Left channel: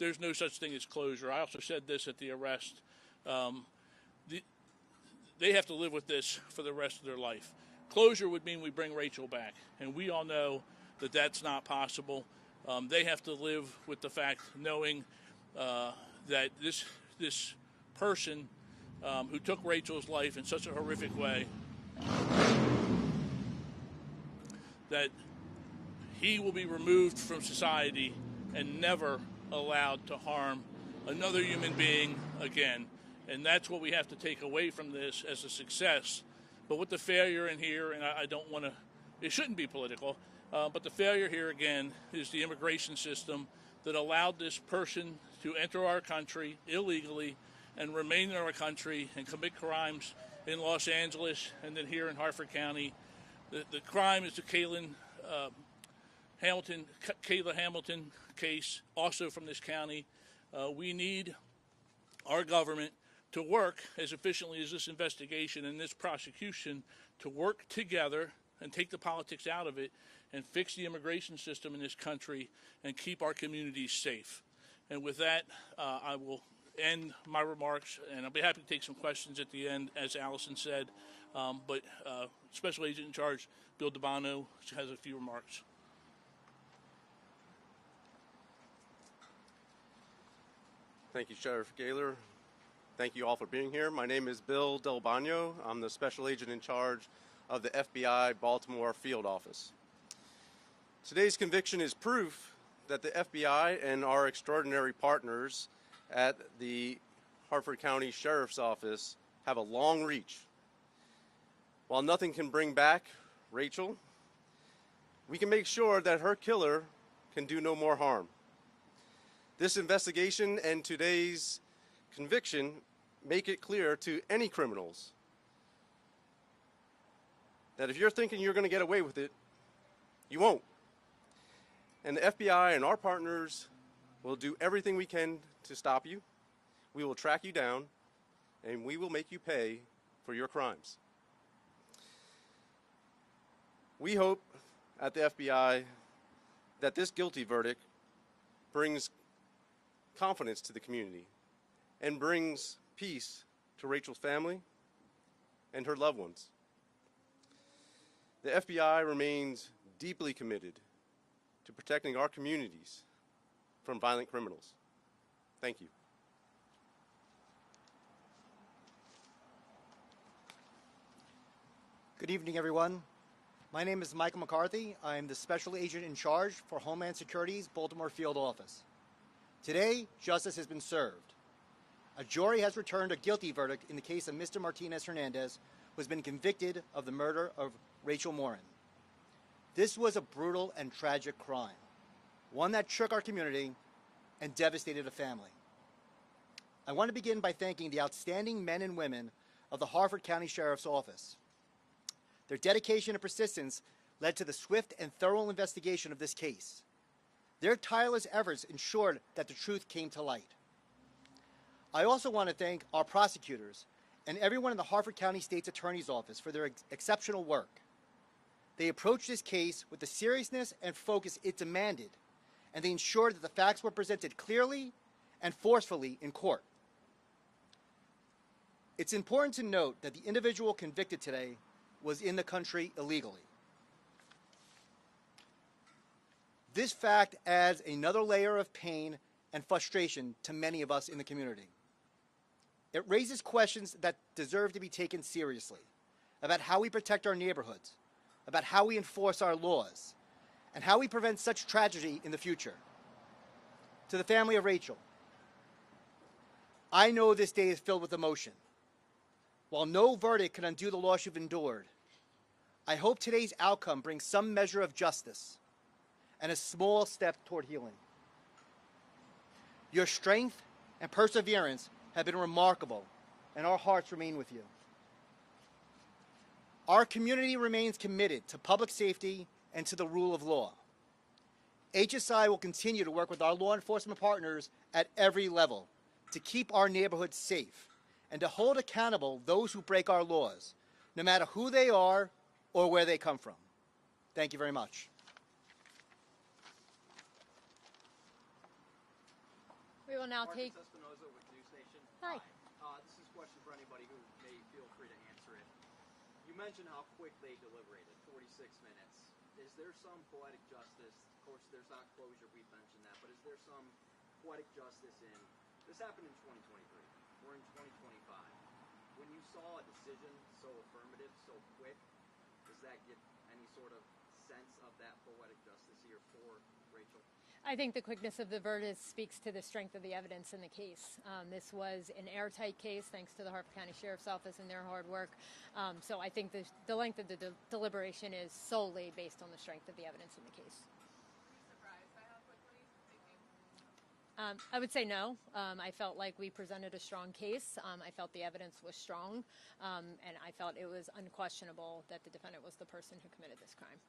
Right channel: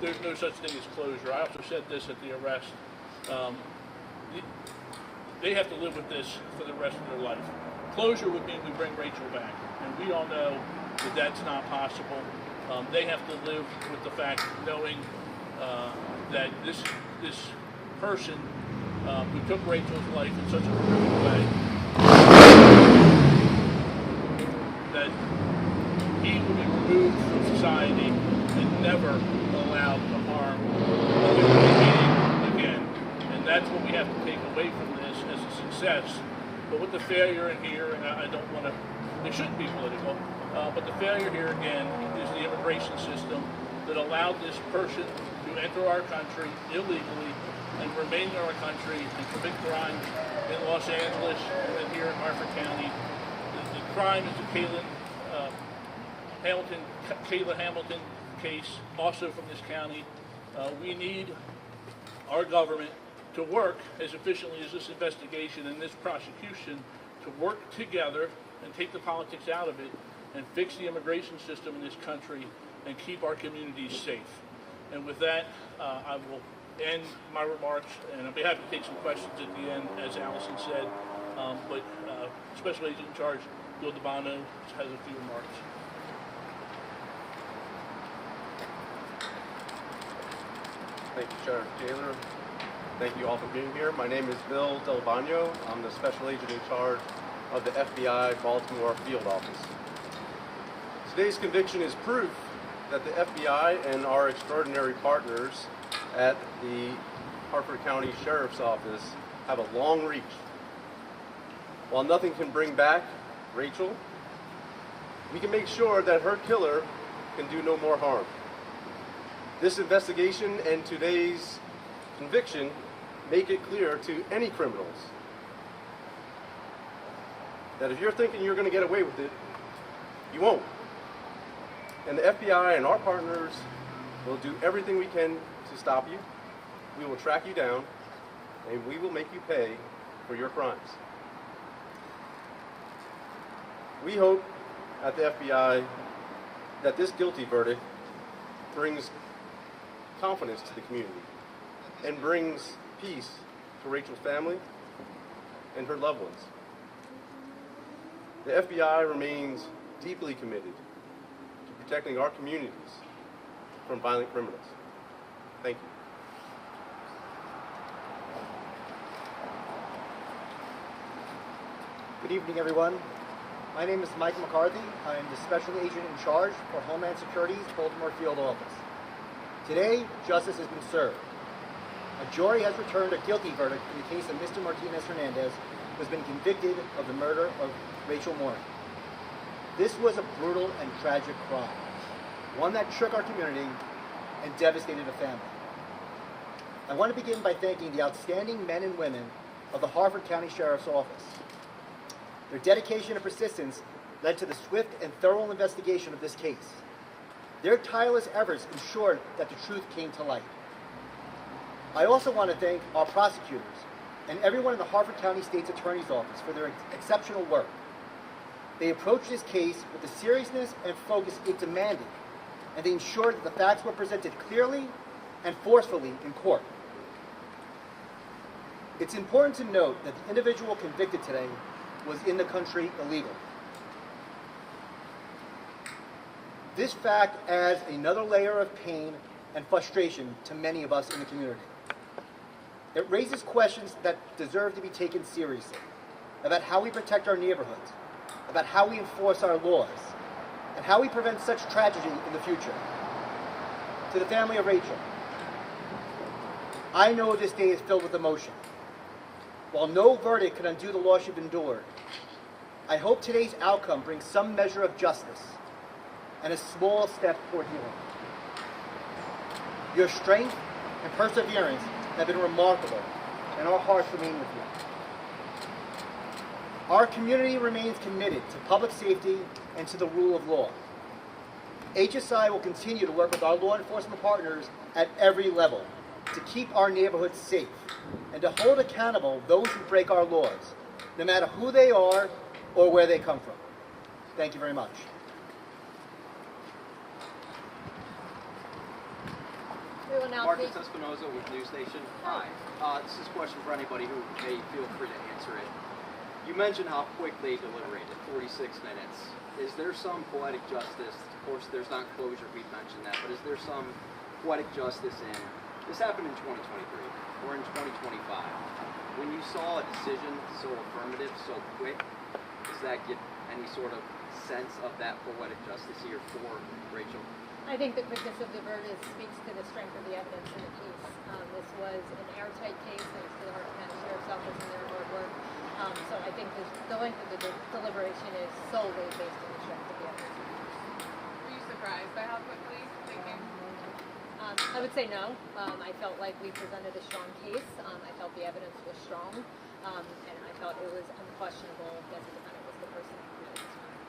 there's no such thing as closure. I also said this at the arrest. Um, they have to live with this for the rest of their life. Closure would mean we bring Rachel back, and we all know that that's not possible. They have to live with the fact, knowing that this person who took Rachel's life in such a horrific way, that he will be removed from society and never allowed to harm another human being again. And that's what we have to take away from this as a success. But with the failure in here, and I don't want to, it shouldn't be political, but the failure here again is the immigration system that allowed this person to enter our country illegally and remain in our country and commit crimes in Los Angeles and then here in Harford County. The crime is the Kayla Hamilton case, also from this county. We need our government to work as efficiently as this investigation and this prosecution to work together and take the politics out of it and fix the immigration system in this country and keep our communities safe. And with that, I will end my remarks, and I'll be happy to take some questions at the end, as Allison said. But Special Agent in Charge Bill DeBono has a few remarks. Thank you, Sheriff Taylor. Thank you all for being here. My name is Bill Delvano. I'm the Special Agent in charge of the FBI Baltimore Field Office. Today's conviction is proof that the FBI and our extraordinary partners at the Harford County Sheriff's Office have a long reach. While nothing can bring back Rachel, we can make sure that her killer can do no more harm. This investigation and today's conviction make it clear to any criminals that if you're thinking you're going to get away with it, you won't. And the FBI and our partners will do everything we can to stop you. We will track you down, and we will make you pay for your crimes. We hope at the FBI that this guilty verdict brings confidence to the community and brings peace to Rachel's family and her loved ones. The FBI remains deeply committed to protecting our communities from violent criminals. Thank you. Good evening, everyone. My name is Mike McCarthy. I am the Special Agent in charge for Homeland Security's Baltimore Field Office. Today, justice has been served. A jury has returned a guilty verdict in the case of Mr. Martinez Hernandez, who has been convicted of the murder of Rachel Morin. This was a brutal and tragic crime, one that shook our community and devastated a family. I want to begin by thanking the outstanding men and women of the Harford County Sheriff's Office. Their dedication and persistence led to the swift and thorough investigation of this case. Their tireless efforts ensured that the truth came to light. I also want to thank our prosecutors and everyone in the Harford County State's Attorney's Office for their exceptional work. They approached this case with the seriousness and focus it demanded, and they ensured that the facts were presented clearly and forcefully in court. It's important to note that the individual convicted today was in the country illegally. This fact adds another layer of pain and frustration to many of us in the community. It raises questions that deserve to be taken seriously about how we protect our neighborhoods, about how we enforce our laws, and how we prevent such tragedy in the future. To the family of Rachel, I know this day is filled with emotion. While no verdict could undo the loss you've endured, I hope today's outcome brings some measure of justice and a small step toward healing. Your strength and perseverance have been remarkable, and our hearts remain with you. Our community remains committed to public safety and to the rule of law. HSI will continue to work with our law enforcement partners at every level to keep our neighborhoods safe and to hold accountable those who break our laws, no matter who they are or where they come from. Thank you very much. now Marcus Espinoza with News Station. Hi. This is a question for anybody who may feel free to answer it. You mentioned how quick they deliberated, 46 minutes. Is there some poetic justice? Of course, there's not closure, we've mentioned that, but is there some poetic justice in, this happened in 2023, we're in 2025. When you saw a decision so affirmative, so quick, does that give any sort of sense of that poetic justice here for Rachel? I think the quickness of the verdict speaks to the strength of the evidence in the case. This was an airtight case thanks to the Harford County Sheriff's Office and their hard work. So I think the length of the deliberation is solely based on the strength of the evidence in the case. Were you surprised by how quickly they came? I would say no. I felt like we presented a strong case. I felt the evidence was strong, and I felt it was unquestionable that the defendant was the person who committed this crime.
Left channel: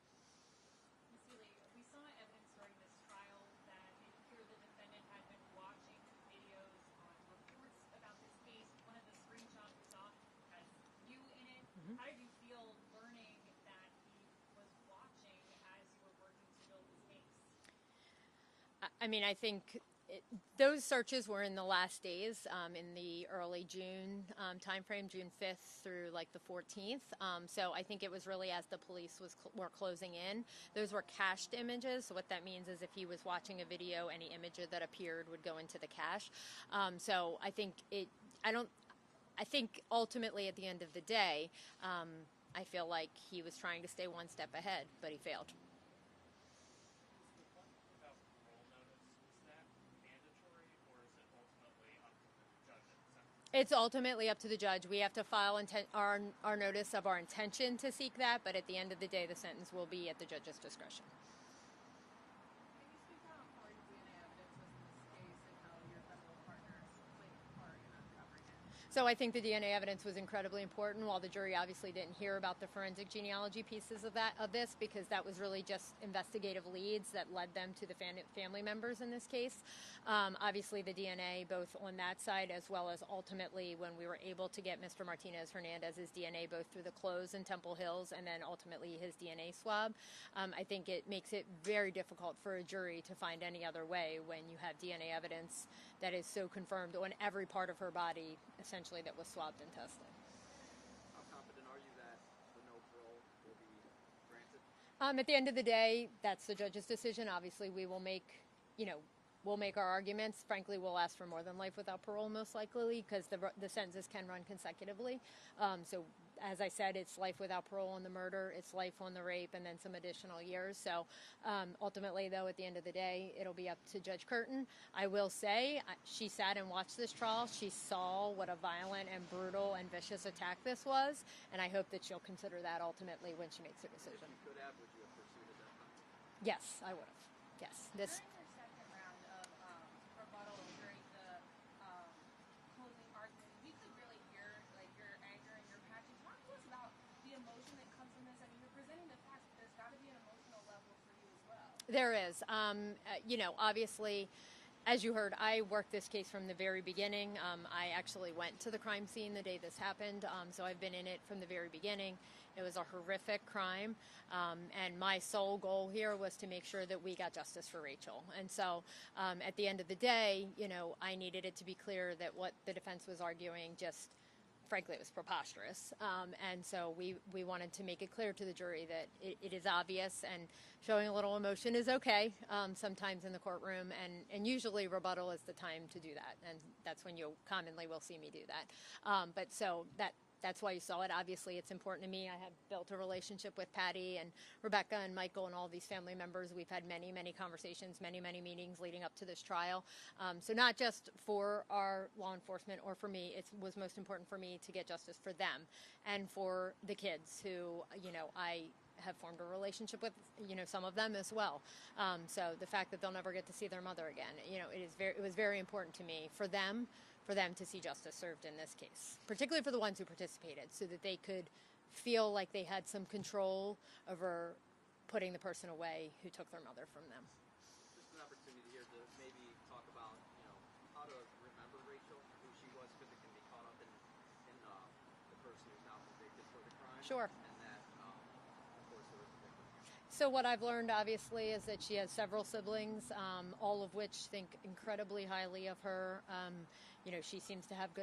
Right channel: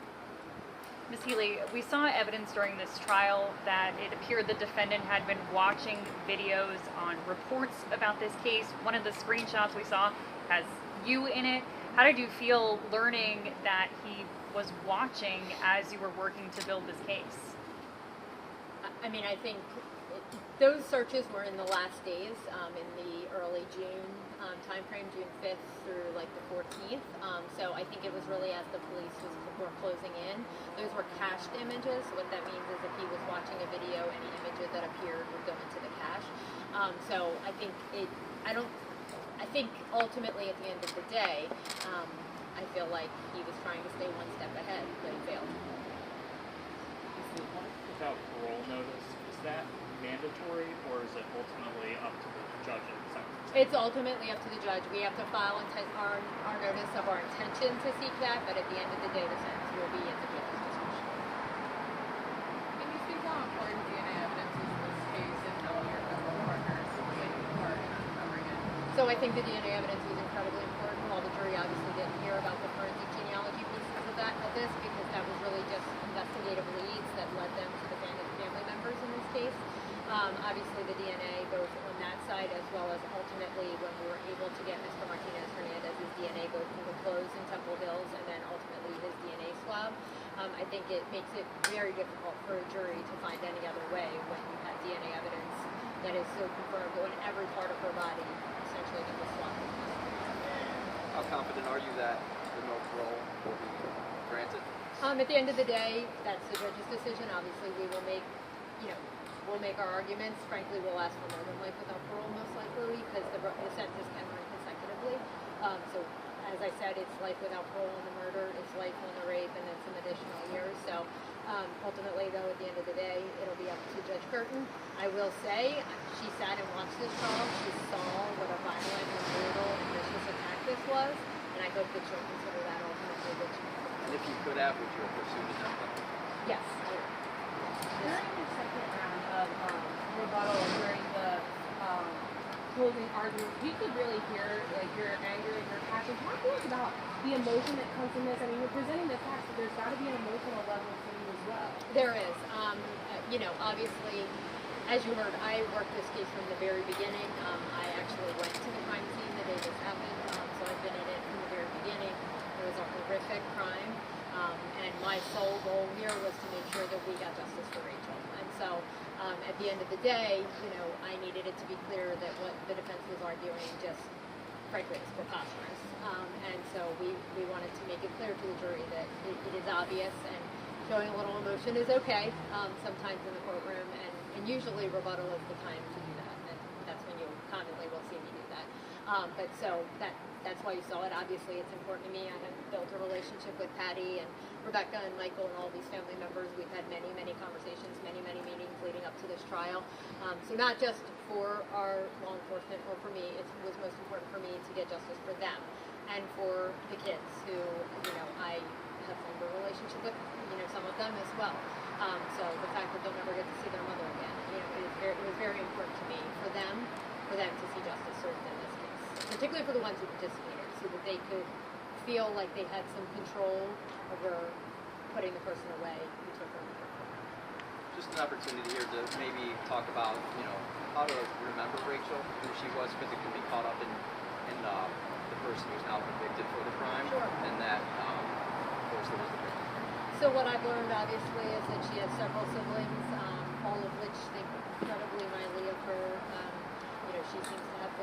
Ms. Healy, we saw evidence during this trial that it appeared the defendant had been watching videos on reports about this case. One of the screenshots we saw has you in it. How did you feel learning that he was watching as you were working to build this case? I mean, I think those searches were in the last days, in the early June timeframe, June 5th through like the 14th. So I think it was really as the police were closing in. Those were cached images. So what that means is if he was watching a video, any image that appeared would go into the cache. So I think I think ultimately at the end of the day, I feel like he was trying to stay one step ahead, but he failed. Without parole notice, is that mandatory, or is it ultimately up to the judge and sentence? It's ultimately up to the judge. We have to file our notice of our intention to seek that, but at the end of the day, the sentence will be at the judge's discretion. Can you speak how important DNA evidence is in this case and how your federal partners played a part in uncovering it? So I think the DNA evidence was incredibly important. While the jury obviously didn't hear about the forensic genealogy pieces of this, because that was really just investigative leads that led them to the family members in this case. Obviously the DNA goes on that side, as well as ultimately when we were able to get Mr. Martinez Hernandez's DNA both through the clothes in Temple Hills and then ultimately his DNA swab. I think it makes it very difficult for a jury to find any other way when you have DNA evidence that is so confirmed on every part of her body, essentially, that was swabbed. How confident are you that the no parole will be granted? At the end of the day, that's the judge's decision. Obviously, we will make, we'll make our arguments. Frankly, we'll ask for more than life without parole, most likely, because the sentences can run consecutively. So, as I said, it's life without parole on the murder, it's life on the rape, and then some additional years. So, ultimately, though, at the end of the day, it'll be up to Judge Curtin. I will say, she sat and watched this trial. She saw what a violent and brutal and vicious attack this was, and I hope that she'll consider that ultimately what she considers. And if you could have, would you have pursued the death penalty? Yes, I would. Yes. During the second round of rebuttal, during the closing argument, you could really hear like your anger and your passion. Talk to us about the emotion that comes from this. I mean, you're presenting the facts, but there's got to be an emotional level for you as well. There is. Obviously, as you heard, I worked this case from the very beginning. I actually went to the crime scene the day this happened, so I've been in it from the very beginning. It was a horrific crime, and my sole goal here was to make sure that we got justice for Rachel. And so, at the end of the day, I needed it to be clear that what the defense was arguing just, frankly, is preposterous. And so we wanted to make it clear to the jury that it is obvious, and showing a little emotion is okay sometimes in the courtroom, and usually rebuttal is the time to do that, and that's when you commonly will see me do that. But so that's why you saw it. Obviously, it's important to me. I have built a relationship with Patty and Rebecca and Michael and all these family members. We've had many, many conversations, many, many meetings leading up to this trial. So not just for our law enforcement or for me, it was most important for me to get justice for them and for the kids who, I have formed a relationship with, some of them as well. So the fact that they'll never get to see their mother again, it was very important to me for them to see justice served in this case, particularly for the ones who participated, so that they could feel like they had some control over putting the person away who took their mother from them. Just an opportunity here to maybe talk about, how to remember Rachel, who she was, because it can be caught up in the person who's now convicted for the crime. Sure. And that, of course, there was the victim. So what I've learned, obviously, is that she has several siblings, all of which think incredibly highly of her. she seems to have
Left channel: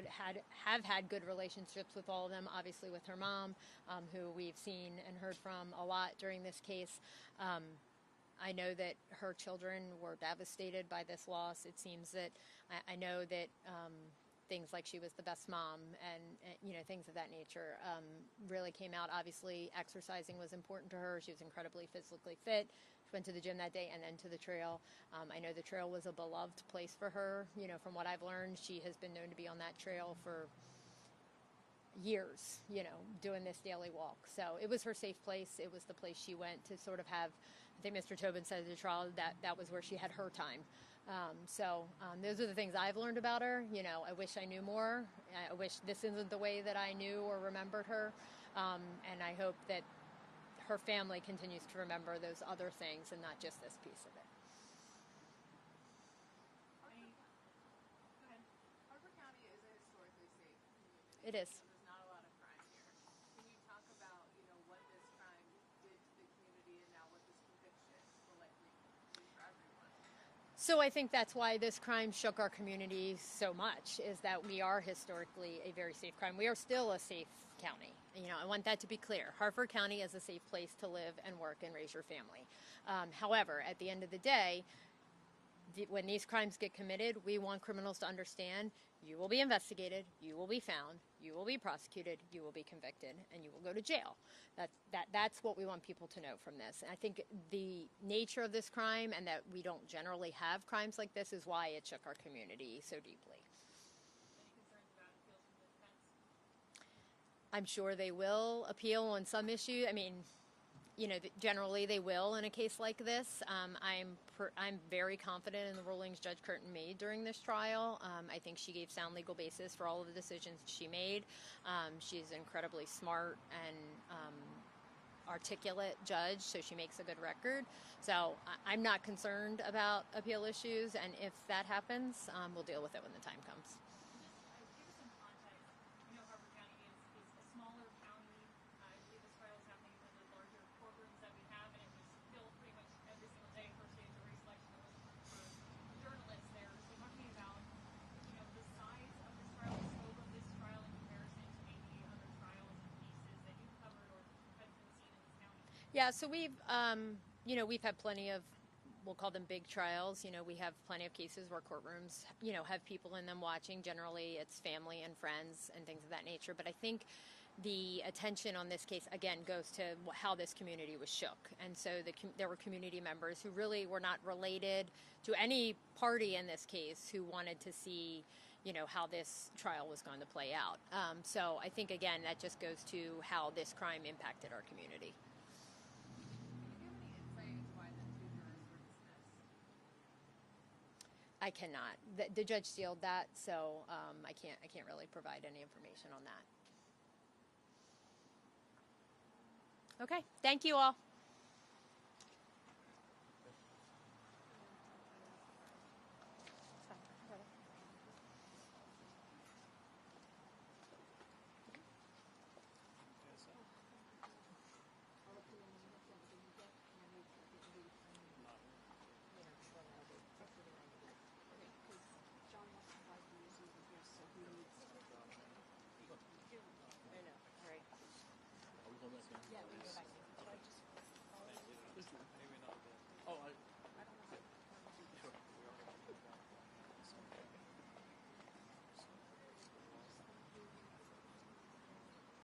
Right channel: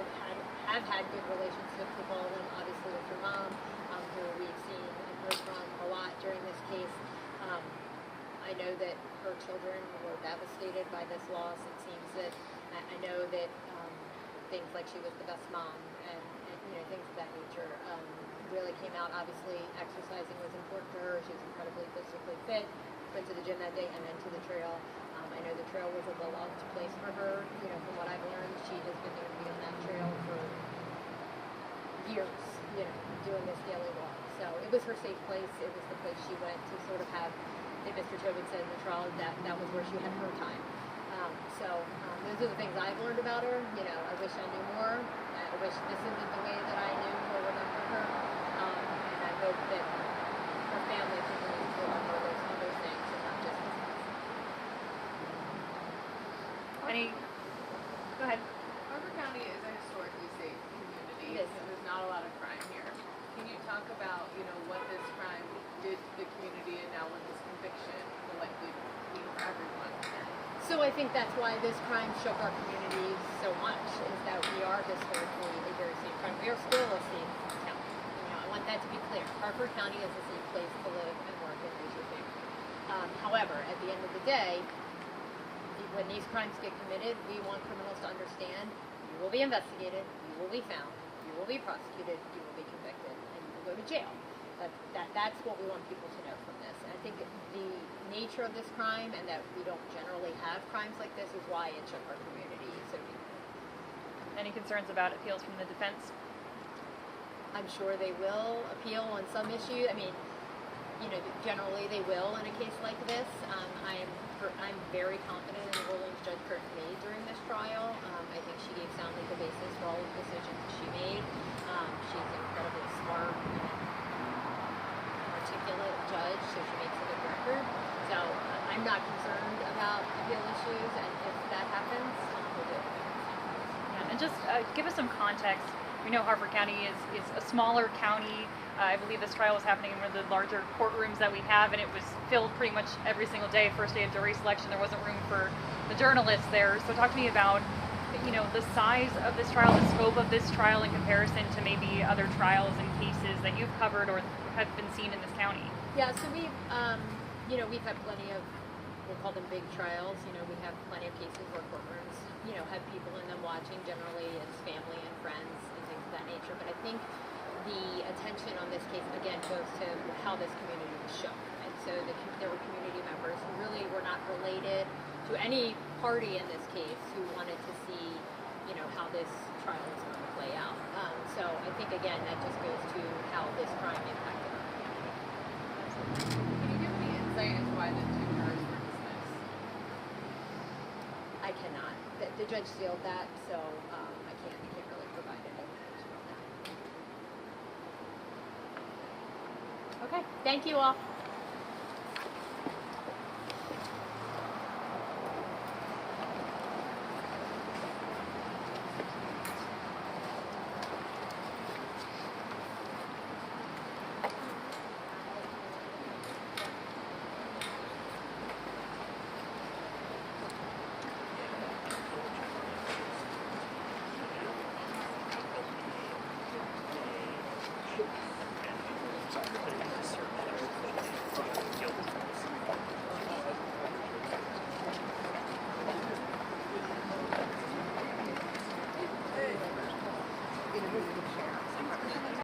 had good relationships with all of them. Obviously with her mom, who we've seen and heard from a lot during this case. I know that her children were devastated by this loss. It seems that I know that things like she was the best mom and things of that nature really came out. Obviously, exercising was important to her. She was incredibly physically fit. Went to the gym that day and then to the trail. I know the trail was a beloved place for her. From what I've learned, she has been known to be on that trail for years. Doing this daily walk. So it was her safe place. It was the place she went to sort of have. I think Mr. Tobin said in the trial that was where she had her time. Those are the things I've learned about her. I wish I knew more. I wish this isn't the way that I knew or remember her. And I hope that her family continues to remember those other things and not just this case. Go ahead. Harper County is a historically safe community. It is. There's not a lot of crime here. Can you talk about, what this crime did to the community and now what this conviction will likely mean for everyone? So I think that's why this crime shook our community so much, is that we are historically a very safe crime. We are still a safe county. I want that to be clear. Harper County is a safe place to live and work and raise your family. However, at the end of the day, when these crimes get committed, we want criminals to understand you will be investigated, you will be found, you will be prosecuted, you will be convicted, and you will go to jail. That's what we want people to know from this. And I think the nature of this crime and that we don't generally have crimes like this is why it shook our community so deeply. Any concerns about appeals from the defense? I'm sure they will appeal on some issue. Generally they will in a case like this. I'm very confident in the rulings Judge Curtin made during this trial. I think she gave sound legal basis for all of the decisions she made. She's incredibly smart and articulate judge, so she makes a good record. So I'm not concerned about appeal issues, and if that happens, we'll deal with it when the time comes. Yeah, and just give us some context. We know Harper County is a smaller county. I believe this trial was happening in one of the larger courtrooms that we have, and it was filled pretty much every single day. First day of jury selection, there wasn't room for the journalists there. So talk to me about, the size of this trial, the scope of this trial in comparison to maybe other trials and cases that you've covered or have been seen in this county. Yeah, so we've had plenty of, we'll call them big trials. We have plenty of cases where courtrooms, have people in them watching. Generally, it's family and friends and things of that nature. But I think the attention on this case, again, goes to how this community was shook. And so there were community members who really were not related to any party in this case who wanted to see, how this trial was going to play out. So I think, again, that just goes to how this crime impacted our community. Can you give any insight into why the two jurors were dismissed? I cannot. The judge sealed that, so I can't really provide any information on that. Okay, thank you all.